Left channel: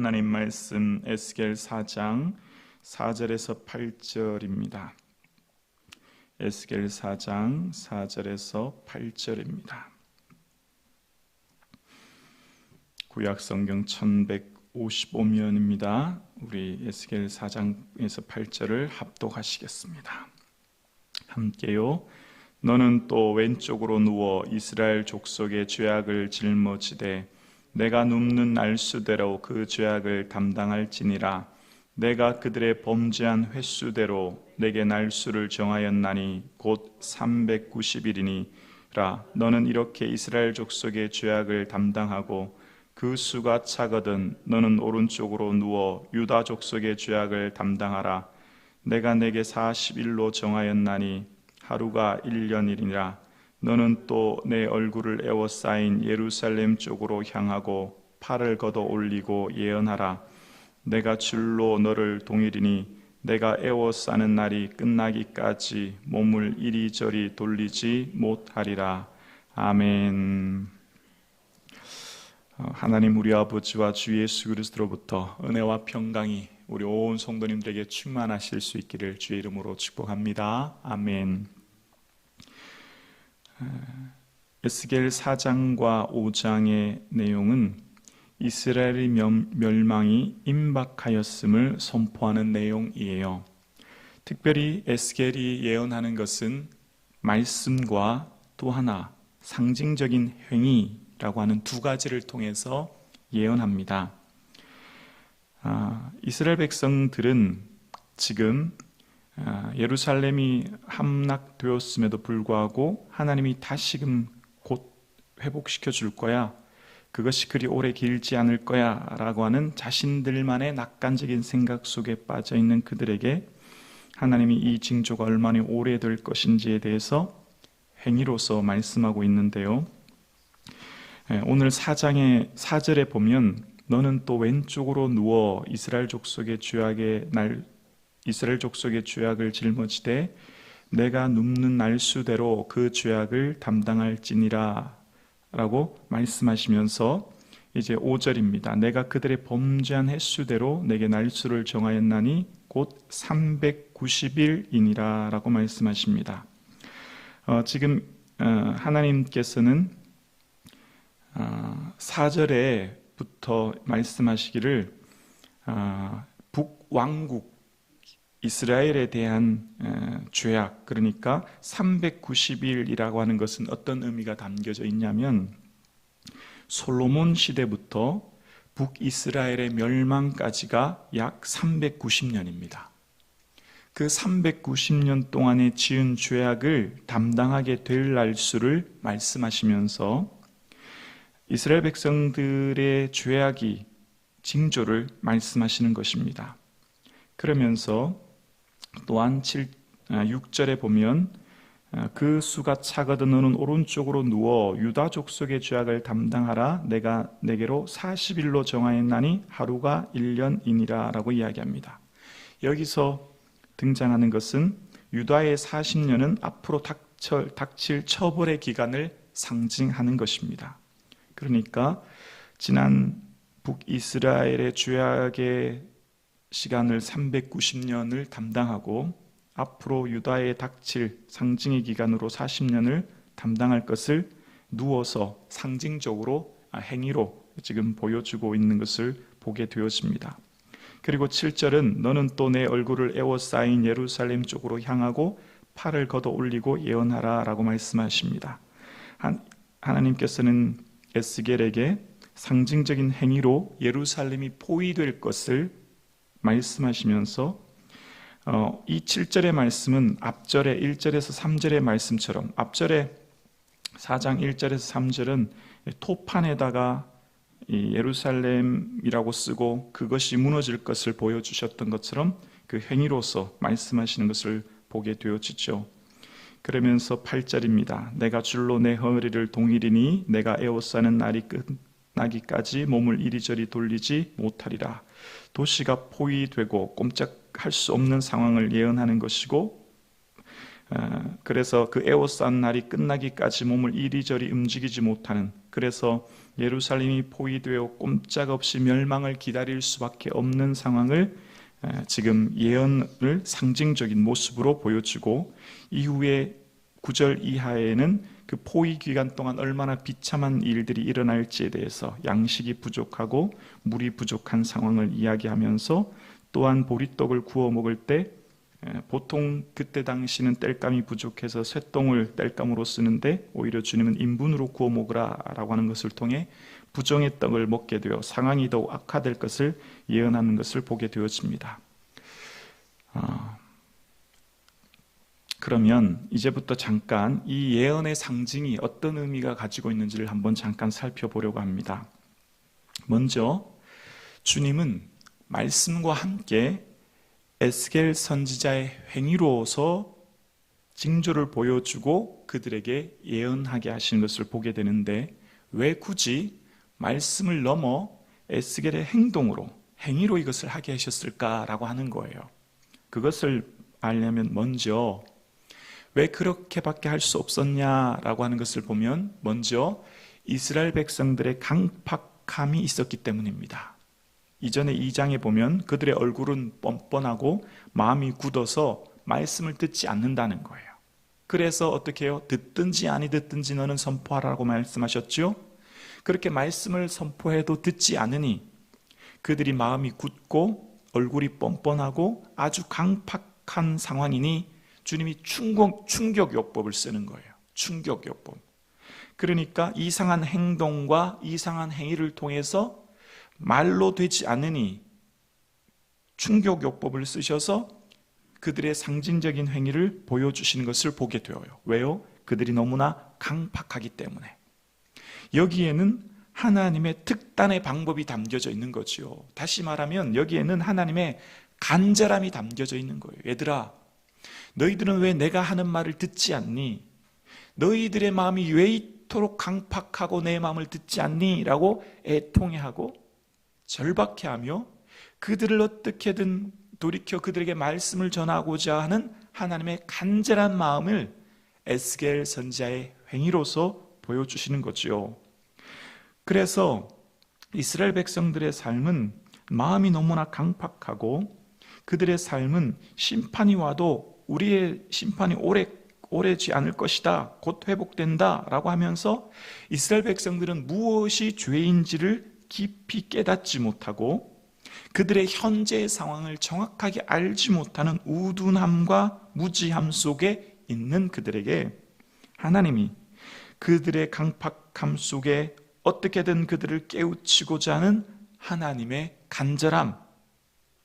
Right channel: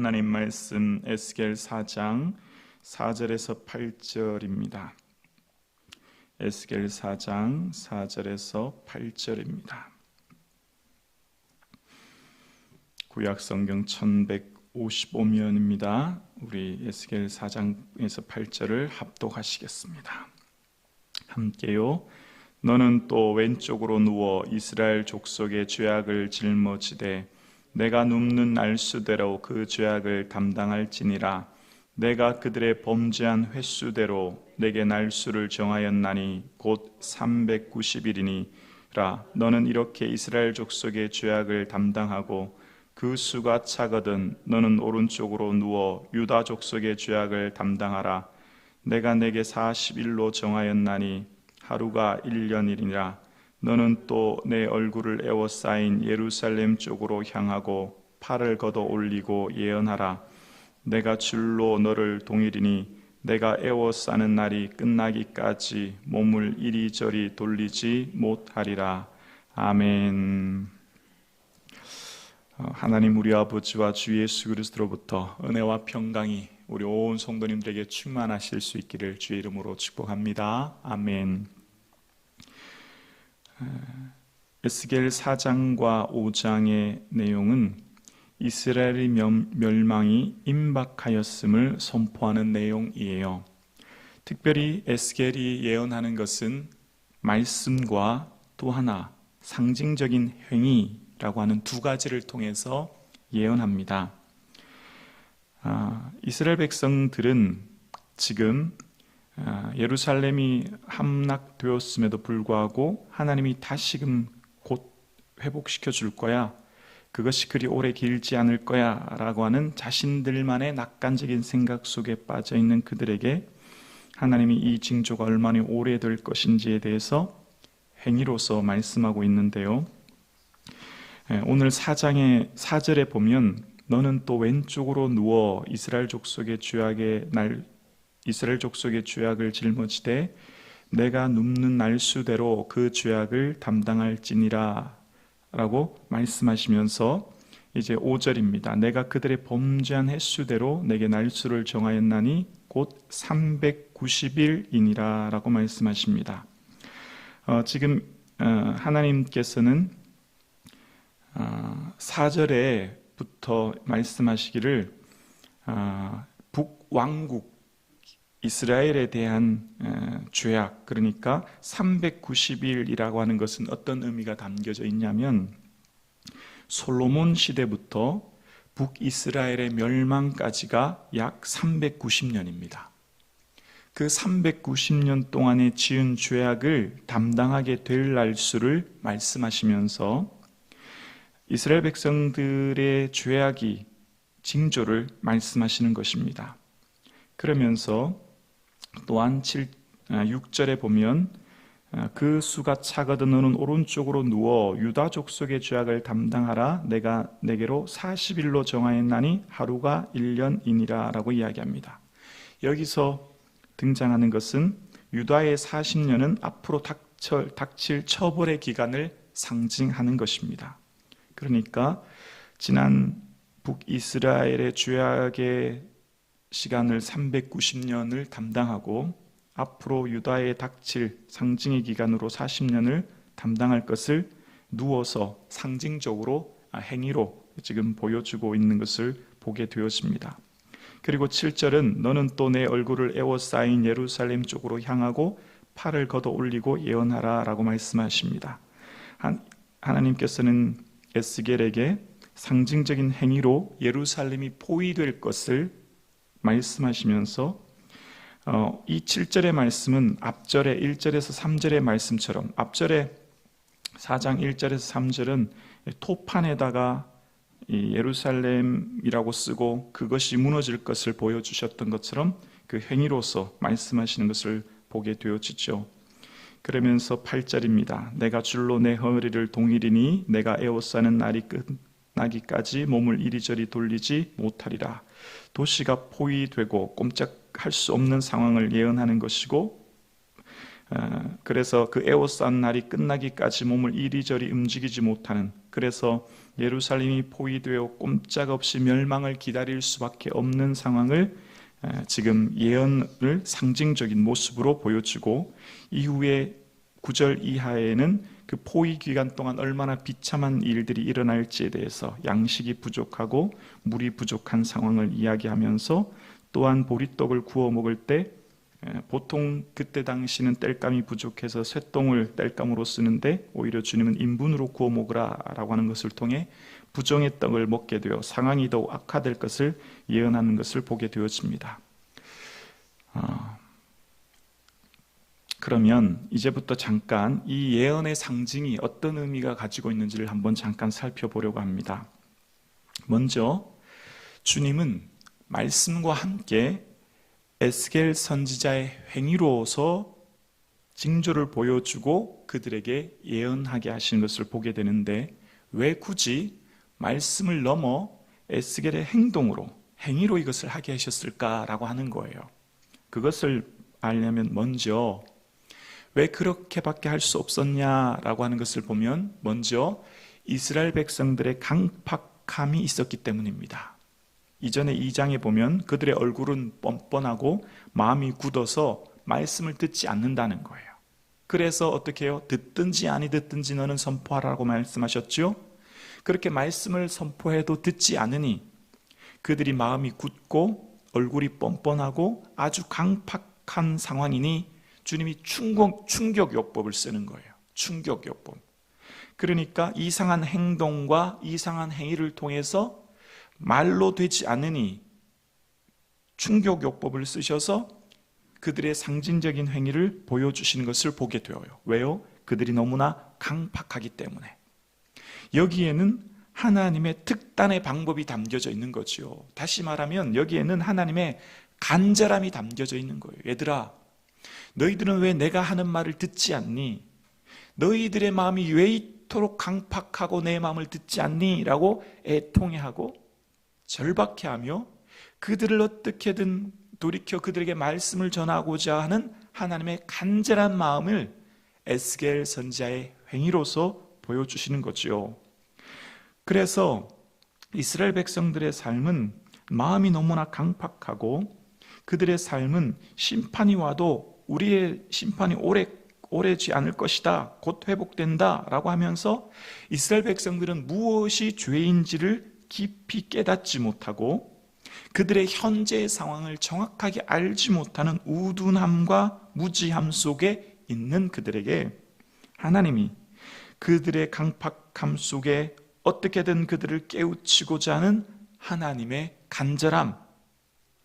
하나님 말씀 에스겔 4장 4절에서 8절입니다. 에스겔 4장 4절에서 8절입니다. 구약 성경 1155면입니다. 우리 에스겔 4장에서 8절을 합독하시겠습니다. 함께요. 너는 또 왼쪽으로 누워 이스라엘 족속의 죄악을 짊어지되 내가 눕는 날수대로 그 죄악을 담당할지니라. 내가 그들의 범죄한 횟수대로 내게 날수를 정하였나니 곧 390일이니라. 너는 이렇게 이스라엘 족속의 죄악을 담당하고 그 수가 차거든 너는 오른쪽으로 누워 유다 족속의 죄악을 담당하라. 내가 내게 40일로 정하였나니 하루가 1년이니라. 너는 또 내 얼굴을 에워싸인 예루살렘 쪽으로 향하고 팔을 걷어 올리고 예언하라. 내가 줄로 너를 동이리니 내가 에워싸는 날이 끝나기까지 몸을 이리저리 돌리지 못하리라. 아멘. 하나님 우리 아버지와 주 예수 그리스도로부터 은혜와 평강이 우리 온 성도님들에게 충만하실 수 있기를 주의 이름으로 축복합니다. 아멘. 에스겔 4장과 5장의 내용은 이스라엘의 멸망이 임박하였음을 선포하는 내용이에요. 특별히 에스겔이 예언하는 것은 말씀과 또 하나 상징적인 행위라고 하는 두 가지를 통해서 예언합니다. 이스라엘 백성들은 지금 예루살렘이 함락되었음에도 불구하고 하나님이 다시금 곧 회복시켜 줄 거야. 그것이 그리 오래 길지 않을 거야 라고 하는 자신들만의 낙관적인 생각 속에 빠져 있는 그들에게 하나님이 이 징조가 얼마나 오래될 것인지에 대해서 행위로서 말씀하고 있는데요. 오늘 4장의 4절에 보면 너는 또 왼쪽으로 누워 이스라엘 족속의 죄악을 짊어지되 내가 눕는 날수대로 그 죄악을 담당할지니라 라고 말씀하시면서 이제 5절입니다. 내가 그들의 범죄한 횟수대로 내게 날수를 정하였나니 곧 390일이니라 라고 말씀하십니다. 하나님께서는 4절에부터 말씀하시기를 북왕국 이스라엘에 대한 죄악, 그러니까 390일이라고 하는 것은 어떤 의미가 담겨져 있냐면 솔로몬 시대부터 북이스라엘의 멸망까지가 약 390년입니다. 그 390년 동안에 지은 죄악을 담당하게 될 날수를 말씀하시면서 이스라엘 백성들의 죄악이 징조를 말씀하시는 것입니다. 그러면서 또한 6절에 보면 그 수가 차거든 너는 오른쪽으로 누워 유다 족속의 죄악을 담당하라. 내가 내게로 40일로 정하였나니 하루가 1년이니라 라고 이야기합니다. 여기서 등장하는 것은 유다의 40년은 앞으로 닥칠 처벌의 기간을 상징하는 것입니다. 그러니까 지난 북이스라엘의 죄악의 시간을 390년을 담당하고 앞으로 유다에 닥칠 상징의 기간으로 40년을 담당할 것을 누워서 상징적으로 행위로 지금 보여주고 있는 것을 보게 되었습니다. 그리고 7절은 너는 또 내 얼굴을 에워싸인 예루살렘 쪽으로 향하고 팔을 걷어 올리고 예언하라 라고 말씀하십니다. 하나님께서는 에스겔에게 상징적인 행위로 예루살렘이 포위될 것을 말씀하시면서 이 7절의 말씀은 앞절의 1절에서 3절의 말씀처럼 앞절의 4장 1절에서 3절은 토판에다가 이 예루살렘이라고 쓰고 그것이 무너질 것을 보여주셨던 것처럼 그 행위로서 말씀하시는 것을 보게 되어지죠. 그러면서 8절입니다. 내가 줄로 내 허리를 동이리니 내가 에워싸는 날이 끝나기까지 몸을 이리저리 돌리지 못하리라. 도시가 포위되고 꼼짝할 수 없는 상황을 예언하는 것이고 그래서 그 에워싼 날이 끝나기까지 몸을 이리저리 움직이지 못하는 그래서 예루살렘이 포위되어 꼼짝없이 멸망을 기다릴 수밖에 없는 상황을 지금 예언을 상징적인 모습으로 보여주고, 이후에 9절 이하에는 그 포위 기간 동안 얼마나 비참한 일들이 일어날지에 대해서 양식이 부족하고 물이 부족한 상황을 이야기하면서, 또한 보리떡을 구워 먹을 때 보통 그때 당시는 땔감이 부족해서 쇠똥을 땔감으로 쓰는데 오히려 주님은 인분으로 구워 먹으라 라고 하는 것을 통해 부정의 떡을 먹게 되어 상황이 더욱 악화될 것을 예언하는 것을 보게 되어집니다. 그러면 이제부터 잠깐 이 예언의 상징이 어떤 의미가 가지고 있는지를 한번 잠깐 살펴보려고 합니다. 먼저 주님은 말씀과 함께 에스겔 선지자의 행위로서 징조를 보여주고 그들에게 예언하게 하신 것을 보게 되는데, 왜 굳이 말씀을 넘어 에스겔의 행위로 이것을 하게 하셨을까라고 하는 거예요. 그것을 알려면 먼저 왜 그렇게밖에 할 수 없었냐라고 하는 것을 보면, 먼저 이스라엘 백성들의 강팍함이 있었기 때문입니다. 이전에 2장에 보면 그들의 얼굴은 뻔뻔하고 마음이 굳어서 말씀을 듣지 않는다는 거예요. 그래서 어떻게 해요? 듣든지 아니 듣든지 너는 선포하라고 말씀하셨죠? 그렇게 말씀을 선포해도 듣지 않으니 그들이 마음이 굳고 얼굴이 뻔뻔하고 아주 강팍한 상황이니 주님이 충격요법을 쓰는 거예요. 충격요법. 그러니까 이상한 행동과 이상한 행위를 통해서 말로 되지 않으니 충격요법을 쓰셔서 그들의 상징적인 행위를 보여주시는 것을 보게 되어요. 왜요? 그들이 너무나 강팍하기 때문에. 여기에는 하나님의 특단의 방법이 담겨져 있는 거지요. 다시 말하면 여기에는 하나님의 간절함이 담겨져 있는 거예요. 얘들아, 너희들은 왜 내가 하는 말을 듣지 않니? 너희들의 마음이 왜 이토록 강팍하고 내 마음을 듣지 않니? 라고 애통해하고 절박해하며 그들을 어떻게든 돌이켜 그들에게 말씀을 전하고자 하는 하나님의 간절한 마음을 에스겔 선지자의 행위로서 보여주시는 거죠. 그래서 이스라엘 백성들의 삶은 마음이 너무나 강팍하고 그들의 삶은 심판이 와도 우리의 심판이 오래지 않을 것이다, 곧 회복된다 라고 하면서 이스라엘 백성들은 무엇이 죄인지를 깊이 깨닫지 못하고 그들의 현재의 상황을 정확하게 알지 못하는 우둔함과 무지함 속에 있는 그들에게 하나님이 그들의 강팍함 속에 어떻게든 그들을 깨우치고자 하는 하나님의 간절함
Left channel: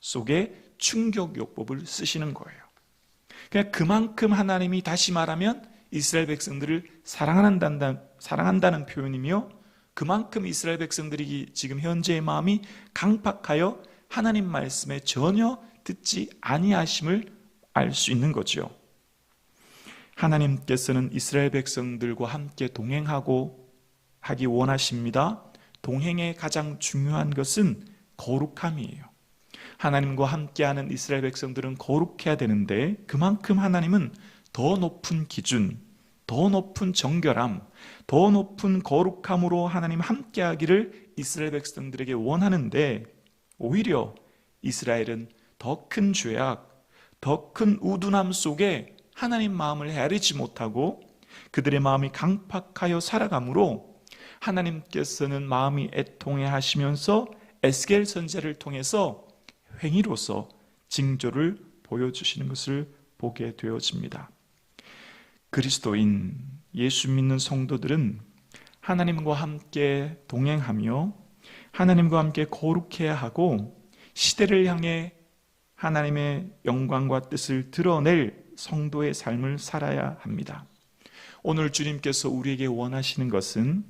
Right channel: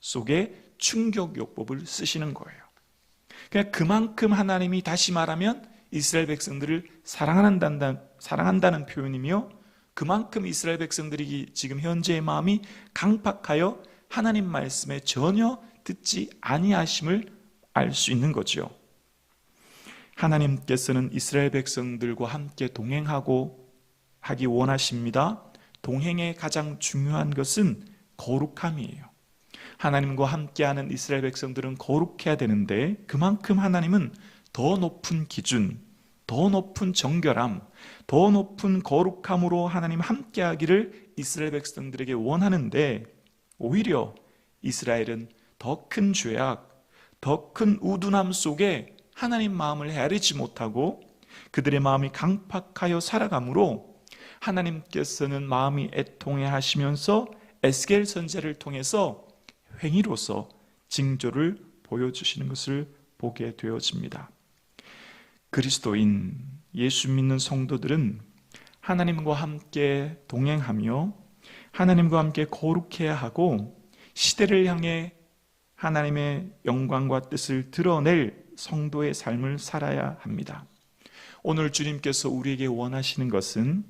속에 충격요법을 쓰시는 거예요. 그러니까 그만큼 하나님이, 다시 말하면 이스라엘 백성들을 사랑한다는 표현이며, 그만큼 이스라엘 백성들이 지금 현재의 마음이 강팍하여 하나님 말씀에 전혀 듣지 아니하심을 알 수 있는 거죠. 하나님께서는 이스라엘 백성들과 함께 동행하고 하기 원하십니다. 동행의 가장 중요한 것은 거룩함이에요. 하나님과 함께하는 이스라엘 백성들은 거룩해야 되는데, 그만큼 하나님은 더 높은 기준, 더 높은 정결함, 더 높은 거룩함으로 하나님 함께하기를 이스라엘 백성들에게 원하는데, 오히려 이스라엘은 더 큰 죄악, 더 큰 우둔함 속에 하나님 마음을 헤아리지 못하고 그들의 마음이 강팍하여 살아가므로 하나님께서는 마음이 애통해 하시면서 에스겔 선지자를 통해서 행위로서 징조를 보여주시는 것을 보게 되어집니다. 그리스도인, 예수 믿는 성도들은 하나님과 함께 동행하며 하나님과 함께 거룩해야 하고 시대를 향해 하나님의 영광과 뜻을 드러낼 성도의 삶을 살아야 합니다. 오늘 주님께서 우리에게 원하시는 것은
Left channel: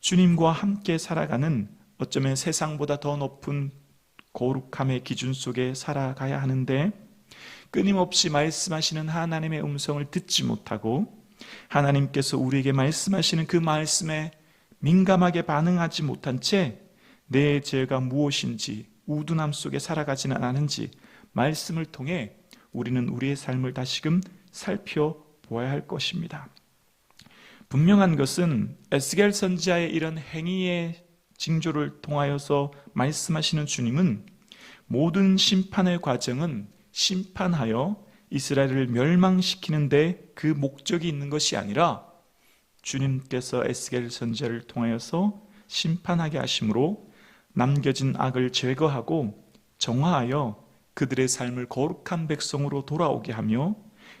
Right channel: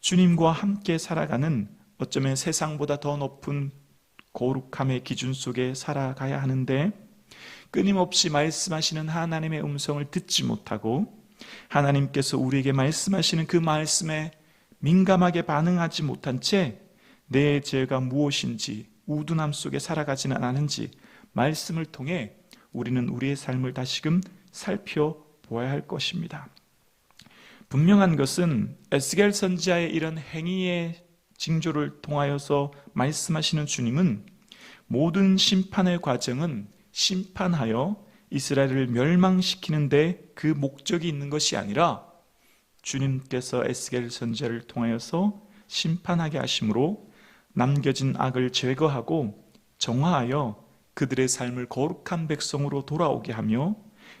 주님과 함께 살아가는, 어쩌면 세상보다 더 높은 거룩함의 기준 속에 살아가야 하는데, 끊임없이 말씀하시는 하나님의 음성을 듣지 못하고 하나님께서 우리에게 말씀하시는 그 말씀에 민감하게 반응하지 못한 채 내 죄가 무엇인지 우둔함 속에 살아가지는 않은지 말씀을 통해 우리는 우리의 삶을 다시금 살펴보아야 할 것입니다. 분명한 것은 에스겔 선지자의 이런 행위의 징조를 통하여서 말씀하시는 주님은 모든 심판의 과정은 심판하여 이스라엘을 멸망시키는데 그 목적이 있는 것이 아니라 주님께서 에스겔 선지자를 통하여서 심판하게 하심으로 남겨진 악을 제거하고 정화하여 그들의 삶을 거룩한 백성으로 돌아오게 하며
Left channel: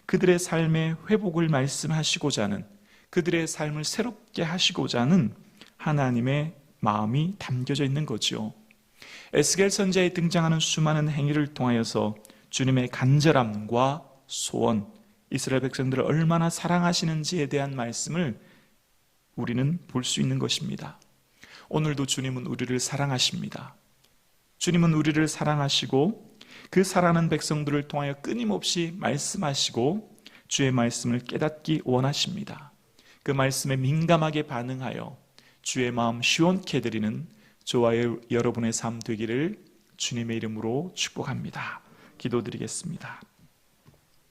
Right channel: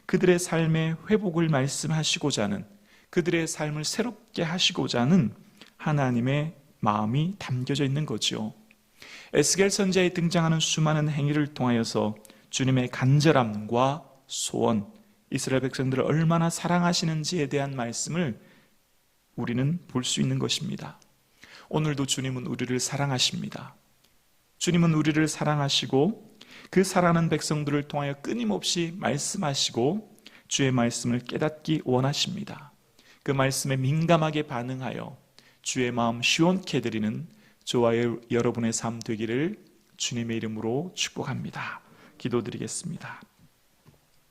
그들의 삶의 회복을 말씀하시고자 하는, 그들의 삶을 새롭게 하시고자 하는 하나님의 마음이 담겨져 있는 거죠. 에스겔 선지자에 등장하는 수많은 행위를 통하여서 주님의 간절함과 소원, 이스라엘 백성들을 얼마나 사랑하시는지에 대한 말씀을 우리는 볼 수 있는 것입니다. 오늘도 주님은 우리를 사랑하십니다. 주님은 우리를 사랑하시고 그 사랑하는 백성들을 통하여 끊임없이 말씀하시고 주의 말씀을 깨닫기 원하십니다. 그 말씀에 민감하게 반응하여 주의 마음 시원케 해드리는 저와 여러분의 삶 되기를 주님의 이름으로 축복합니다. 기도드리겠습니다.